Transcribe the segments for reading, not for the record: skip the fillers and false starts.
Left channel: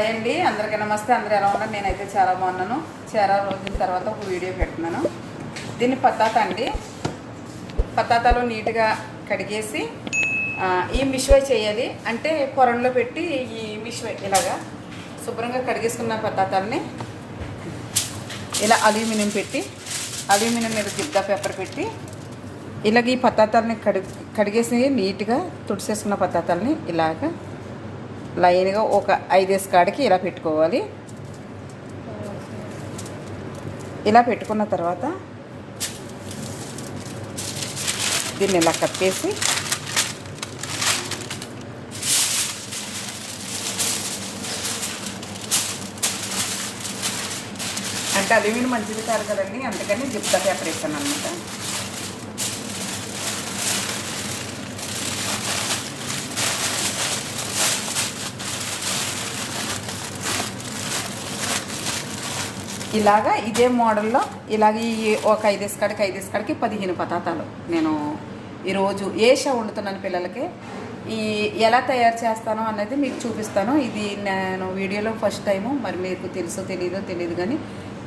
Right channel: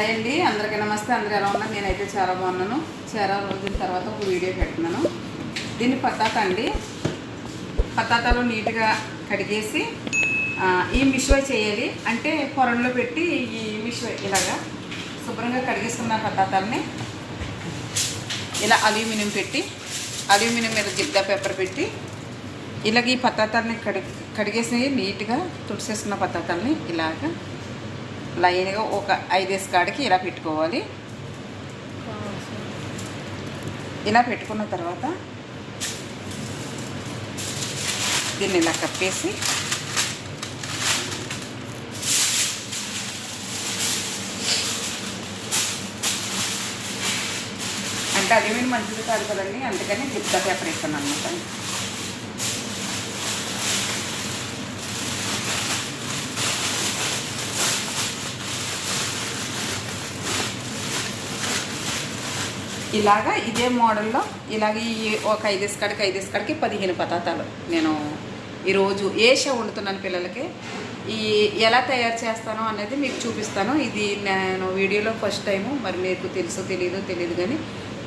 Hi అండి, అందరికీ నమస్తే. అందరూ ఎలా ఉన్నారు? నేనైతే చాలా బాగున్నాను. చాలా రోజుల తర్వాత ఒక వీడియో పెడుతున్నాను. దీన్ని పతాత అండి. పతాతాలో నీట్గా కడిగేసి ఈ మిశ్వై చేయాలి. అంటే కొరంలో పెట్టి ఈ మిశ్వై ఇలాగా శుభ్రంగా కడిగేసుకున్న పతాతాలని ఇలా అల్యూమినియం పెట్టి అల్యూమినియం మీద జిగ్గా పేపర్ పెట్టి ఇలాగ ఈ పతాతాలని కడిగేసి నీట్గా తుడిసేసుకున్న పతాతాలని ఇలాగ లైన్గా ఒక 5 కాడికి ఇలా పెట్టుకోవాలి. ఇలా పెట్టుకున్న తర్వాత దీన్ని ఇలా కప్పేసి అంటే అల్యూమినియం మంచిది కాదు కదండి, అందుకని జిప్తా పేపర్ వేస్తాను అనమాట. ఇలాగా ఇదే మోడల్లో ఇలాగ ఒక 5 కాడికి 15 పతాతాలు నేను ఈరోజు ఏషా వండుతున్నాను పిల్లలకి. ఎలా తయారు చేస్తానో అనేది మీకు చూపిస్తాను. ఇది నేను వీడియోలో ఫస్ట్ టైము, మరి మీకు తెలుసో తెలియదు కానీ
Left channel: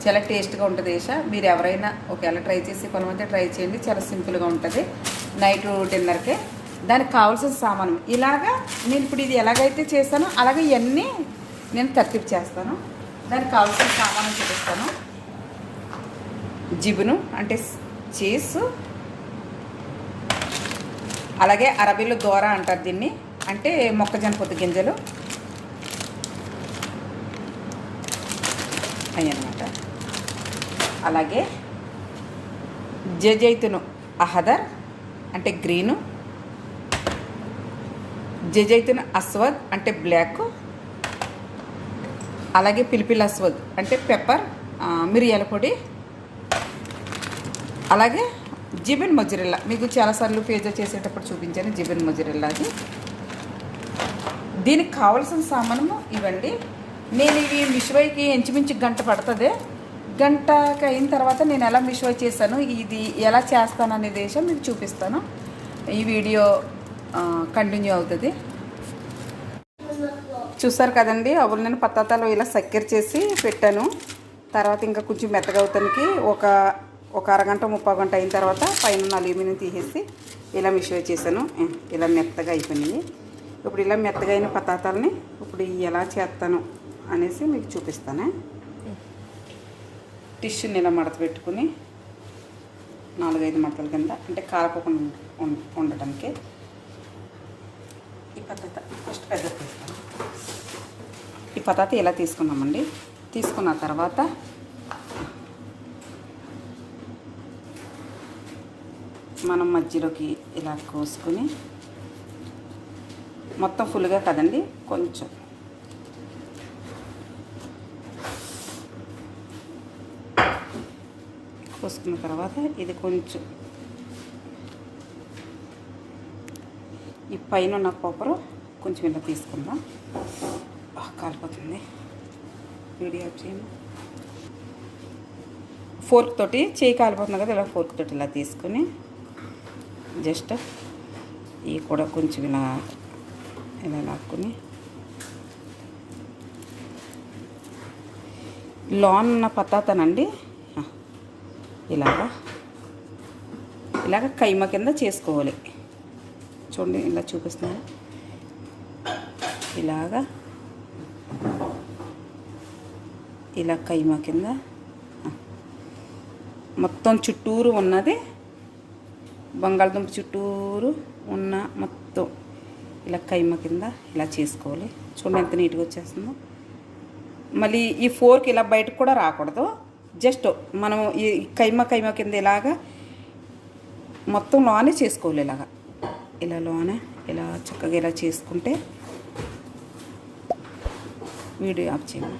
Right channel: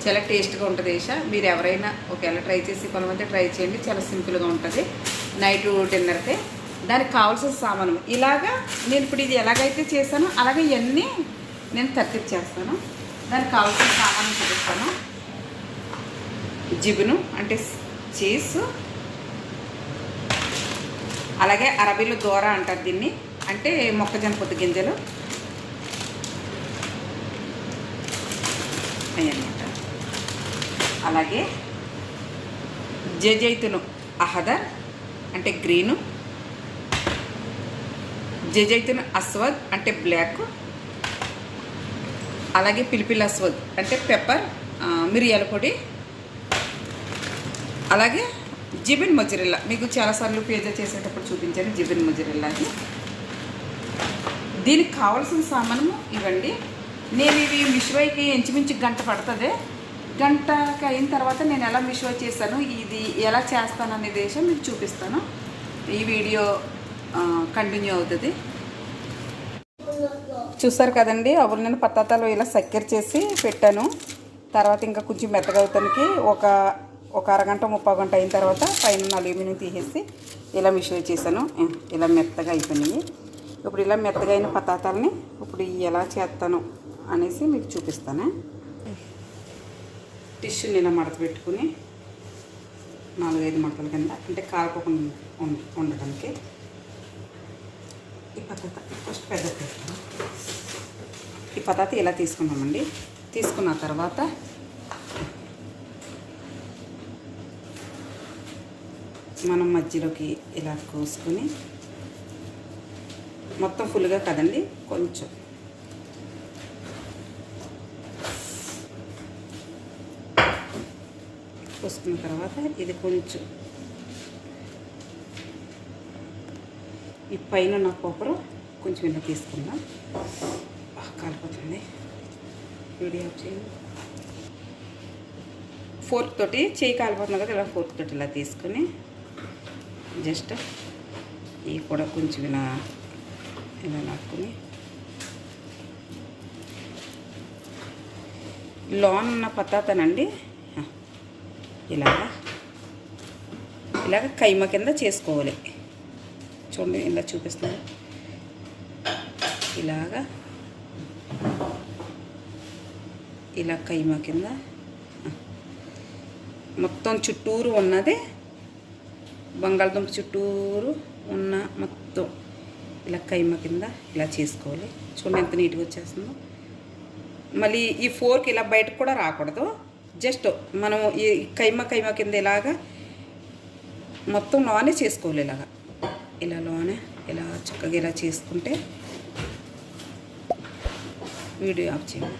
చాలా టేస్ట్గా ఉంటుంది ఏషా. మీరు ఎవరైనా ఒకవేళ ట్రై చేసి కొనమంటే ట్రై చేయండి. చాలా సింపుల్గా ఉంటుంది నైట్ డిన్నర్కి. దానికి కావాల్సిన సామాను ఇలాగా నేను ఇప్పుడు ఇది ఎలాగైతే చేస్తానో అలాగే ఇవన్నీ నేను తర్తిప్ చేస్తాను. దానికి కావాల్సిన సామాను చూపిస్తాను. జిబును అంటే చీజ్, అలాగే అరబీలో దోర అంటారు దీన్ని, అంటే మొక్కజొన్న పొద్దు గింజలు అన్నమాట. అలాగే జజైతును అహదర్ అంటే గ్రీను, జజైతును అస్వద్ అంటే బ్లాక్, అలాగే పిలిపిల్ అస్వద్ అంటే పెప్పర్ మిరియాల పొడి, అలాగే జిబిన్ మొజరెల్లా. మీకు చాలాసార్లు పిజ్జా చేసేటప్పుడు చూపించాను జిబిన్ మొజరెల్లా. అది దీనికి కావాల్సిన సామాను ఇవ్వండి. నేను ఇవి మిశ్వైకి ఇంచుమించు గంట పడుతుంది. గంటకి అయిన తర్వాత నేను ఎలా మిశ్వై చేస్తాను, ఇది ఎలా చేస్తాను అనే విషయం మీకు చూపిస్తాను. ఈ వీడియో కంటిన్యూ అవుతుంది. చూస్తారు కదండి, అప్పుడు నేను పతాతాలు ఇలా చక్కెర చేసి పెట్టాను. తర్వాత ఇంకా కొంచెం మెత్తగా అవుతానికి ఒక అరగంట 30 గంట అయిన తర్వాత పైన అల్యూమినియం తీసేసి ఇలా మిశ్వై చేశాను. ఇలా మెత్తగా అయిపోయినాయి. ఇప్పుడు ఇలా మెత్తగా అయిన పతాతాలని ఇప్పుడు ఎలా చేస్తాను అనేసి మీకు చూపిస్తాను. టిష్యూని ఇలా మడత పెట్టుకుని 4-5 మడతల కింద అంటే కారకోకుండా ఉండటానికి ఈ పతాత ఫస్ట్ పెద్ద పెడతాను. ఈ పతాత ఇలా తీసుకున్నామండి. తీసుకున్న తర్వాత మనం మధ్యలోకి ఇలా కోసుకుని, మొత్తం ఫుల్గా కదండి, కొంచెం కోసుకున్న తర్వాత ఇది కొంచెం ఈ పైన ఉన్న కొబ్బరి కొంచెం ఇలా తీసుకుందాం. కాలిపోతుంది. వీడియో చేయండి. ఫోర్క్ తోటి చేయి కాలిపోతుంది కదా, ఇలా ఫోర్క్ తోటి ఇలా తీసుకుని జస్ట్ ఇవి కూడా కొంచెం ఇలా లాక్కుని లోన్ ఉన్న పతాతానండి ఇలాగ కైమ కింద చేసుకోవాలి. చూడండి ఇలా చూపిస్తున్నాను. ఇలా కైమ కింద మొత్తం చుట్టూరు ఉన్నది, బంగాళదుంప చుట్టూరు ఉన్న మొత్తం ఇలా కైమ కింద ఇలా చేసుకోవాలి. చూడండి ఎంత నీట్గా వచ్చేస్తుందో. మళ్ళీ ఈ ఫోర్క్ ఇలా బయటకు కూడా రాకూడదు. జస్ట్ మనం ఈ కైమ కింద ఇలాగా మొత్తం లోనే చేసుకోవాలి. ఇలా లోనే ఇలా చక్కగా ఇలా చేసుకుంటే వీడియో ఆఫ్ చేయండి.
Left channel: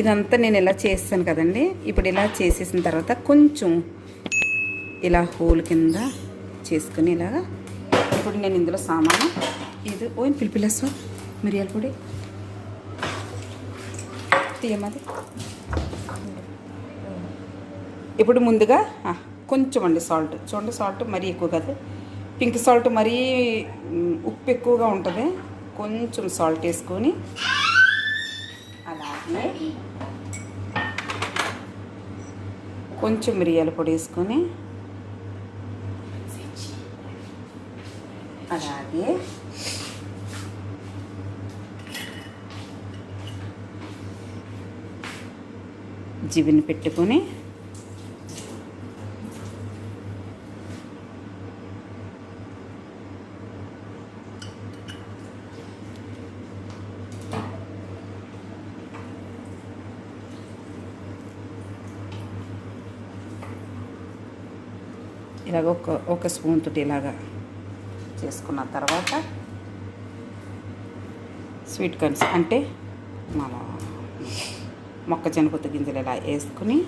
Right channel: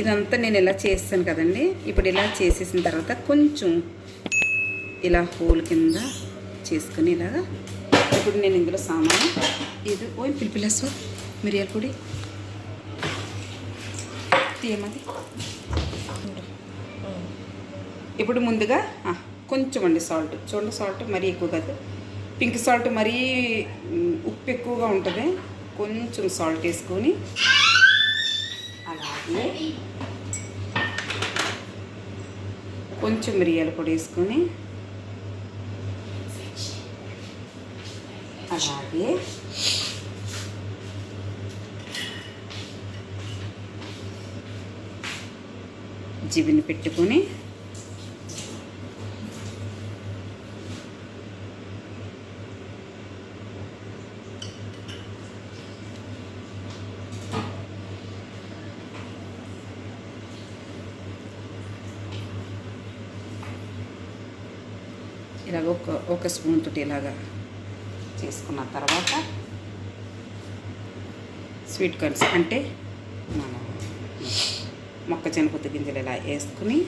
ఇదంతా నేను ఇలా చేస్తాను కదండి. ఇప్పుడు ఇలా చేసేసిన తర్వాత కొంచెం ఇలా హోల్ కింద చేసుకుని ఇలాగా ఇప్పుడు నేను ఇందులో సామాను ఇది పిలిపిలేసు మిరియాల పొడి తీయమది. ఇప్పుడు ముందుగా కొంచెం అండి సాల్ట్. చూడండి సాల్ట్ మరీ ఎక్కువ కాదు, పింక్ సాల్ట్ మరీ ఉప్పు ఎక్కువగా ఉంటుంది. కొంచెం సాల్ట్ వేసుకొని అలాగే కొంచెం మిరియాల పొడి వేసుకొని అలాగే జిబిని పెట్టుకొని ఇలాగ ఒక స్పూన్ తోటి ఇలాగా చేసుకున్న తర్వాత స్వీట్ కార్న్స్ అంటే మన మొక్కజొన్న పొత్తు గింజలు ఇలా వేసుకుని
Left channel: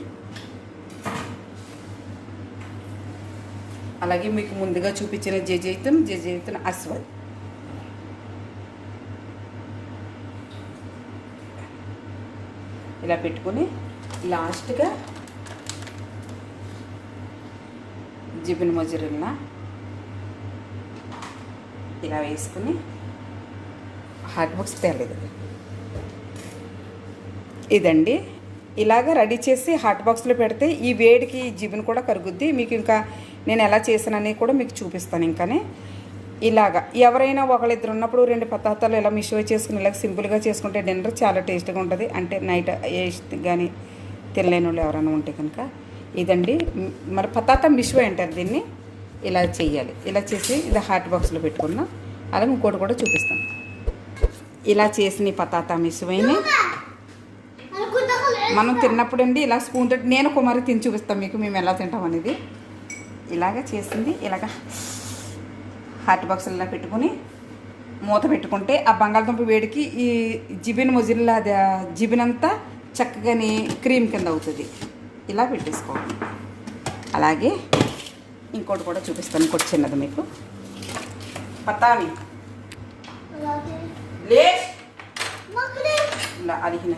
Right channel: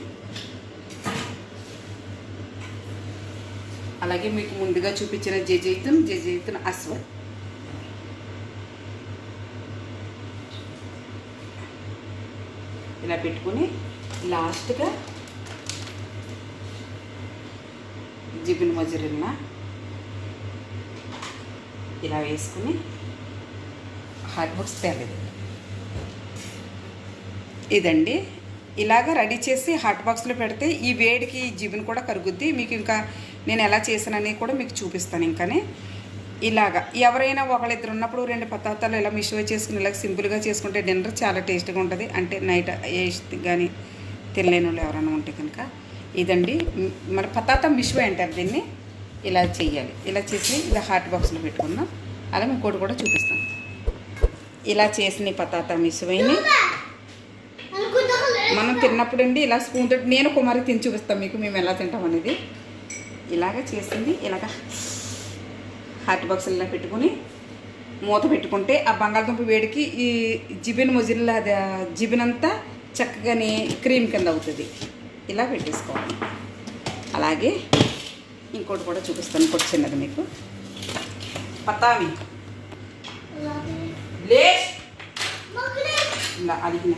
అలాగే మీకు ముందుగా చూపించిన జైజైతున్ అస్వద్ ఇలా పెట్టుకుని లాస్ట్గా జిబిన్ మొజరెల్లా ఇలా వేసుకుని హాట్ బాక్స్ తేలేదు ఇదండి. ఇలాగ రెడీ చేసి హాట్ బాక్స్లో పెడితే ఈ వేడికి జిబిన్ కూడా కరుగుద్ది. మీకు ఇంకా నేను ఎలా చేసానని కూడా మీకు చూపిస్తాను. ఇంకానే ఇలాగా ఎవరైనా ఒకళ్ళిద్దరు ఉన్నప్పుడు 2 పదార్థాలు ఇలా మిషో చేసుకుని ఇలాగ సింపుల్గా చేసుకుంటే డిన్నర్ చాలా టేస్ట్గా ఉంటుంది. అంటే నైట్ కానీ తినలేని వాళ్ళు ఎవరైనా ఉంటే కనుక ఇదండి. మన పతాత మిషో అంటారు దీన్ని. ఇలా చేయాలి. ఇలా చేసి ఇలా హాట్ బాక్స్లో పెట్టుకుందాం. అలా ఇంకోటి కూడా చూపిస్తాను. ఇలా చేసిన పతాత మిషోని మనం తిన్నప్పుడు అండి ఇలా స్పూన్ తోటి నేను కుమారి తిని చూపిస్తాను మీకు మేము ఎలా తింటాం అనేది. ఇలాగ చేసింది ఇలాగ హాట్ బాక్స్లో పెట్టుకుని మూత పెట్టుకుంటే ఆ బంగాళదుంప వేడికి ఈ జిబిన్ మొజిల్లా జిబిన్ అంతా చక్కగానే క్రీమ్ కింద అవుతుంది. ఇలా పెట్టేసుకోవాలి. అలాగే ఇంకోటి కూడా చూపిస్తాను. ఇంకోటి చిన్నది మీకు పతావి లే ఇలా అడిగిన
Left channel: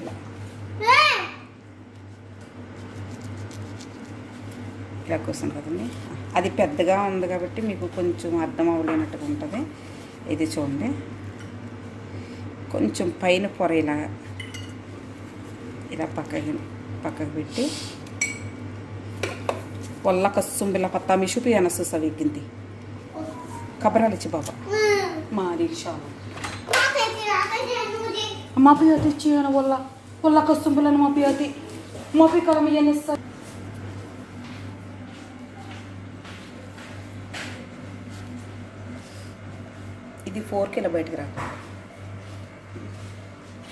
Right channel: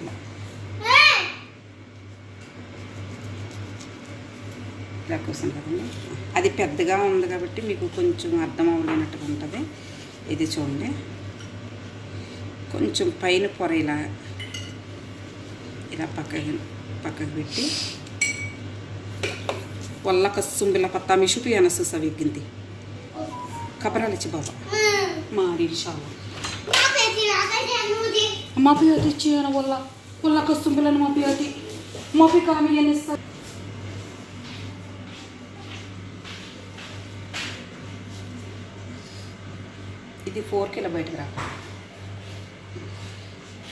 ఇలా కోసం కదండి. అది పెద్దగా ఉంది కాబట్టి మీకు కొంచెం అర్థం అవ్వలేనట్టుగా ఉంటుంది. ఇది చూడండి కొంచెం పైన పొర ఇలా పక్కకి పెట్టి వల్ల కస్సుంబిల పత్తా మిషుపి అనసు సవిగ్గింది కబరాలిచ్చి బాబా మారి మా పియోతి ఇచ్చి వల్ల కస్సుంబిలను మా పియోతి మోపి కలమియనిస్తా ఇది 4 కిలో బయటకు రా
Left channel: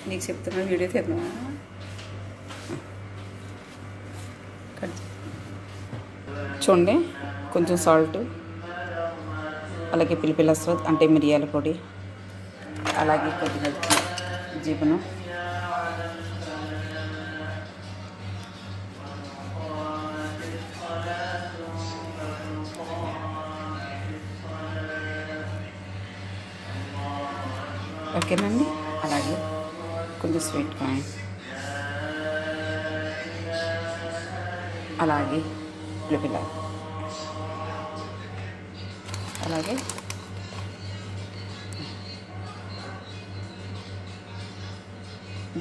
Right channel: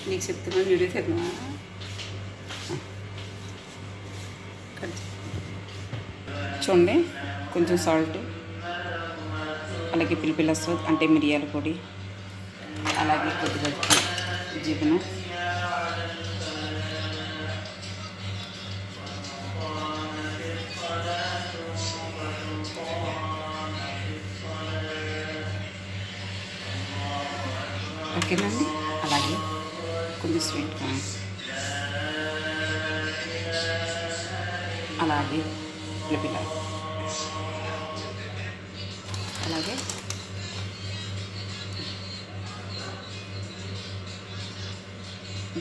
నీకు చెప్తున్నా వీడియో తీద్దామా చూడండి. కొంచెం సాల్ట్ అలాగే పిలిపిల్ల అస్వద్ అంటే మిరియాల పొడి అలాగే కొద్దిగా జిబిను ఓకేనండి. అలాగే కొంచెం స్వీట్ కార్న్ అలాగే పిల్ల అలాగే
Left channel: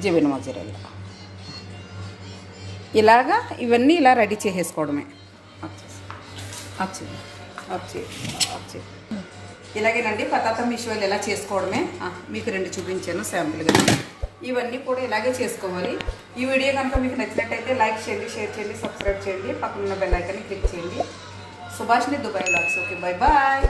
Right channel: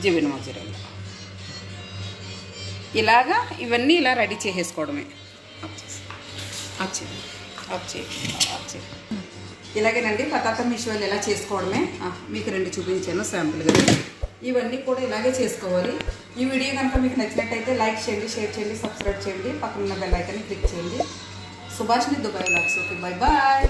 జిబిన్ మొజరెల్లా ఇలాగా ఇవన్నీ ఇలా రెడీ చేసేసుకోవడమే. ఇలాగేనండి పతాత మిషోలు ఎలా చేసుకోవడమే మీకు 2 చూపించాను శాంపుల్గా. ఇవన్నీ కూడా ఇలాగే చేసుకోవాలి. ఈ వీడియో కనుక మీకు నచ్చినట్టయితే లైక్ చేయండి, షేర్ చేయండి, సబ్స్క్రైబ్ చేయండి, పక్కన ఉన్న బెల్ ఐకాన్ని క్లిక్ చేయండి. సుభాష్ని Dubai vlogs. Okay, bye bye.